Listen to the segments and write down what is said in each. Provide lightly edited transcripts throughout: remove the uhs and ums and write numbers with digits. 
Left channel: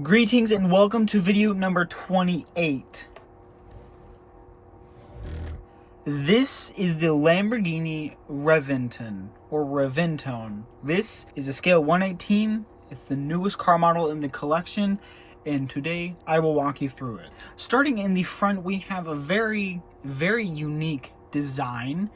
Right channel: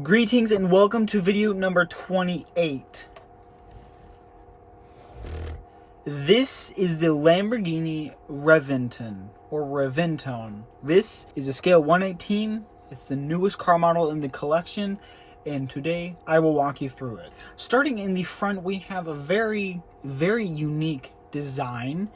Greetings and welcome to video number 28. This is the Lamborghini Reventon or Reventon. This is a scale 1/18. It's the newest car model in the collection, and today I will walk you through it. Starting in the front, we have a very unique design.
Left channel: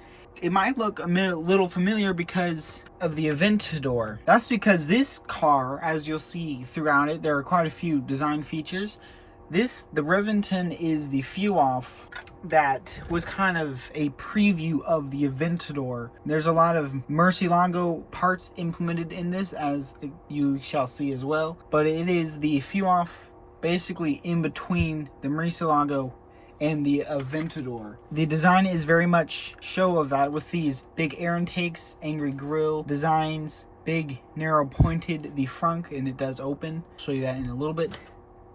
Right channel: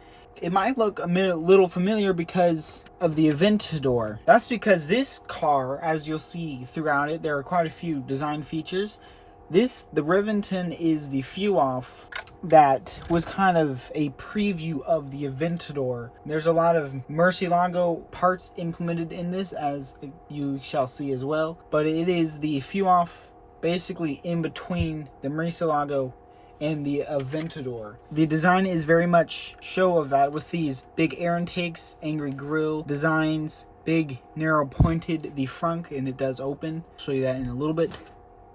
It might look a little familiar because of the Aventador. That's because this car, as you'll see throughout it, there are quite a few design features. The Reventon is the few-off that was kind of a preview of the Aventador. There's a lot of Murcielago parts implemented in this, as you shall see as well. But it is the few-off basically in between the Murcielago and the Aventador. The design is very much show of that, with these big air intakes, angry grille designs, big narrow pointed the front, and it does open. I'll show you that in a little bit.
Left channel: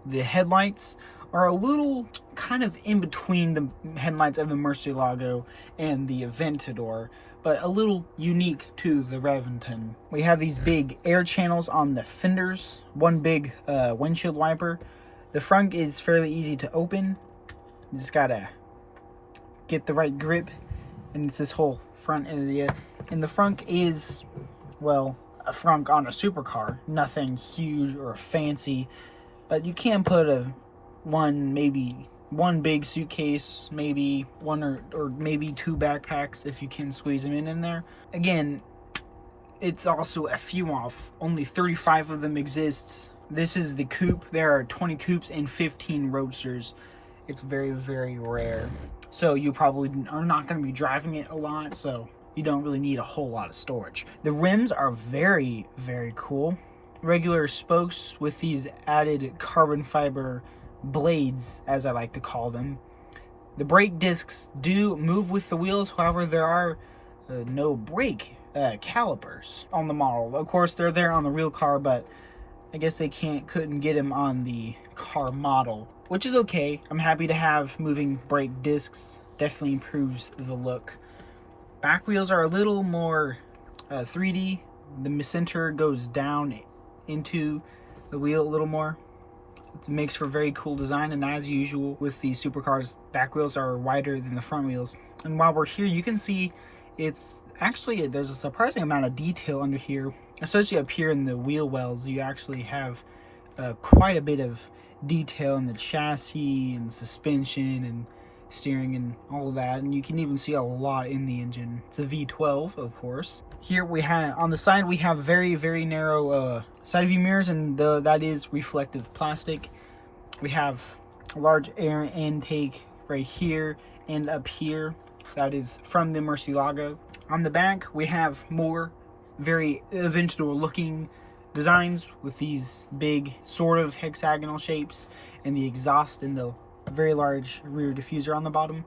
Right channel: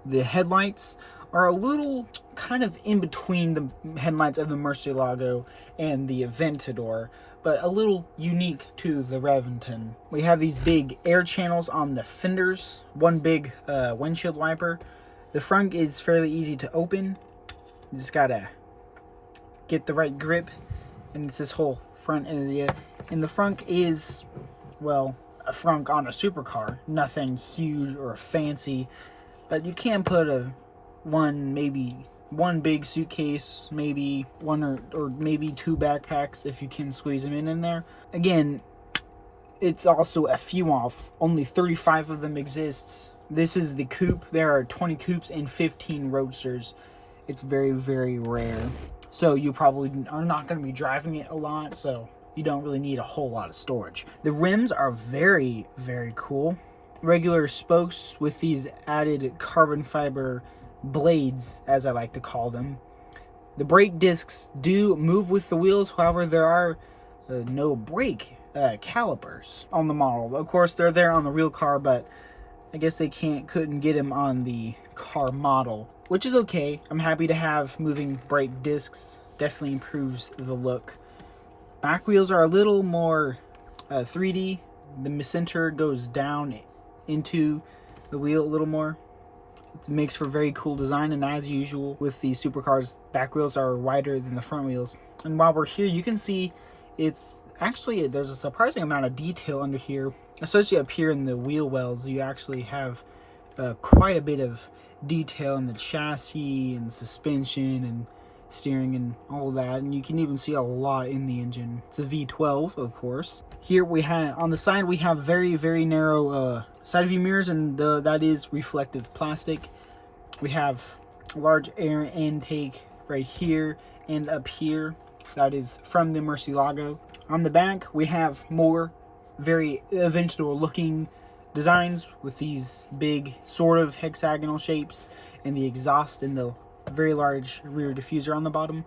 The headlights are a little kind of in between the headlights of the Murcielago and the Aventador, but a little unique to the Reventon. We have these big air channels on the fenders, one big windshield wiper. The front is fairly easy to open. You just gotta get the right grip, and it's this whole front area. And the front is, well, a front on a supercar, nothing huge or fancy, but you can put maybe one big suitcase, maybe one or maybe two backpacks if you can squeeze them in there. Again, it's also a few off. Only 35 of them exists. This is the coupe. There are 20 coupes and 15 roadsters. It's very rare, so you probably are not going to be driving it a lot, so you don't really need a whole lot of storage. The rims are very cool. Regular spokes with these added carbon fiber blades, as I like to call them. The brake discs do move with the wheels, however there are no brake calipers on the model. Of course they're there on the real car, but I guess they couldn't get them on the car model, which is okay. I'm happy to have moving brake discs. Definitely improves the look. Back wheels are a little more 3D. The center goes down into the wheel a little more. It makes for very cool design, and as usual with the supercars, back wheels are wider than the front wheels. And while we're here, you can see it's actually, there's a surprising amount of detail under here, especially up here in the wheel wells. You actually have quite a bit of detail in the chassis and suspension and steering and all that, and you can even see a lot in the engine. It's a V12, of course. Here we have on the side, we have very narrow side view mirrors, and that is reflective plastic. We have a large air intake right here and up here. That is from the Murcielago. On the back, we have more very Aventador looking designs with these big sort of hexagonal shapes, and the exhaust and the very large rear diffuser on the bottom.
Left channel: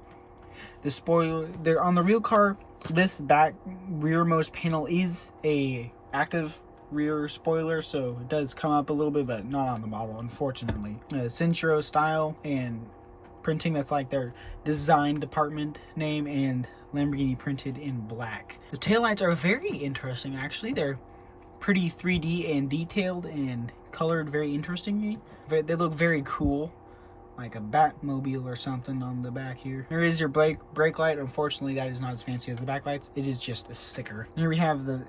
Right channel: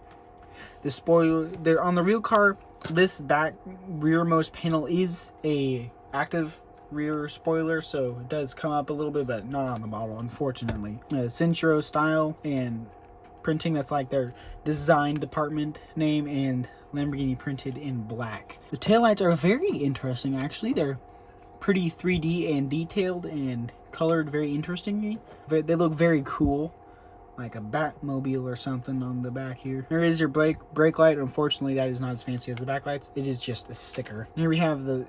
The spoiler there on the real car, this back rearmost panel is a active rear spoiler, so it does come up a little bit, but not on the model, unfortunately. Centro style and printing, that's like their design department name, and Lamborghini printed in black. The taillights are very interesting, actually. They're pretty 3D and detailed and colored very interestingly. They look very cool, like a Batmobile or something on the back here. There is your brake light. Unfortunately, that is not as fancy as the backlights. It is just a sticker. Here we have the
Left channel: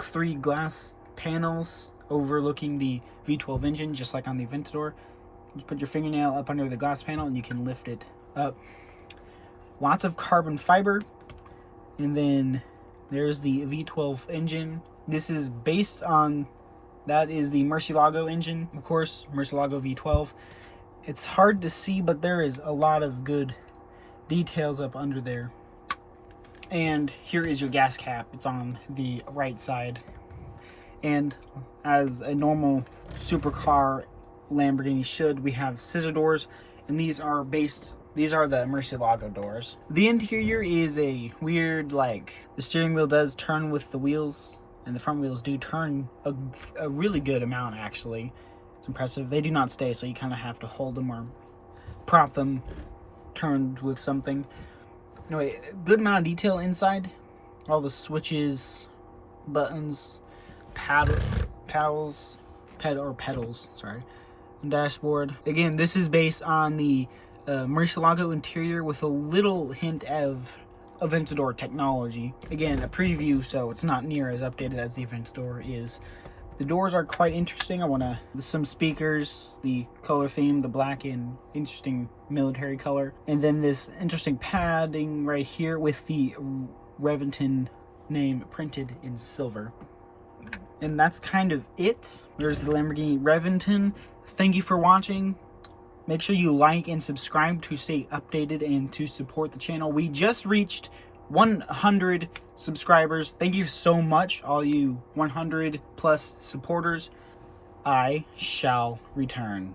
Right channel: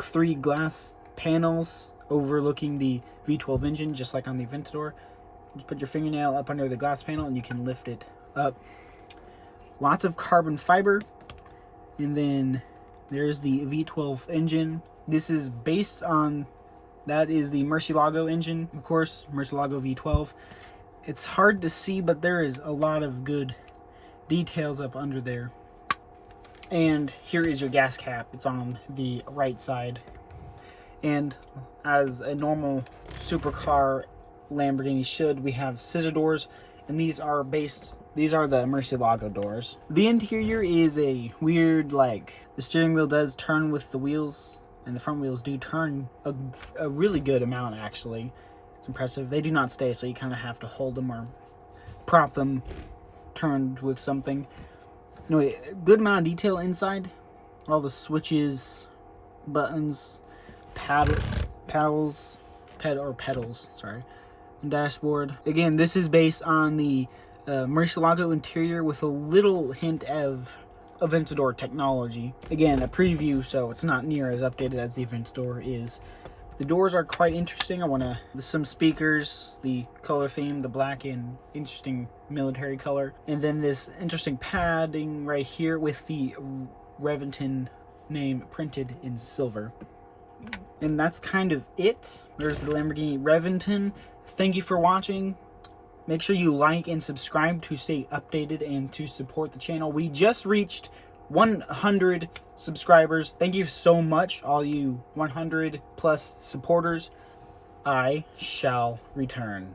3 glass panels overlooking the V12 engine, just like on the Aventador. Just put your fingernail up under the glass panel and you can lift it up. Lots of carbon fiber. And then there's the V12 engine. This is based on, that is the Murcielago engine, of course, Murcielago V12. It's hard to see, but there is a lot of good details up under there. And here is your gas cap. It's on the right side. And as a normal supercar Lamborghini should, we have scissor doors, and these are the Murcielago doors. The interior is a weird, like, the steering wheel does turn with the wheels, and the front wheels do turn a really good amount, actually. It's impressive. They do not stay, so you kind of have to hold them or prop them turned with something. Anyway, good amount of detail inside. All the switches, buttons, pedals, sorry. dashboard. Again, this is based on the Murcielago interior with a little hint of Aventador technology. Again, a preview, so it's not near as updated as the Aventador is. The doors are quite interesting. I want to, some speakers, the color theme, the black and interesting military color. And then this interesting padding right here with the Reventon name printed in silver. And that's kind of it. There's the Lamborghini Reventon. Thank you for watching. Make sure you like and subscribe to stay updated and to support the channel. We just reached 100 subscribers. Thank you so much, all you 100 plus supporters. I shall return.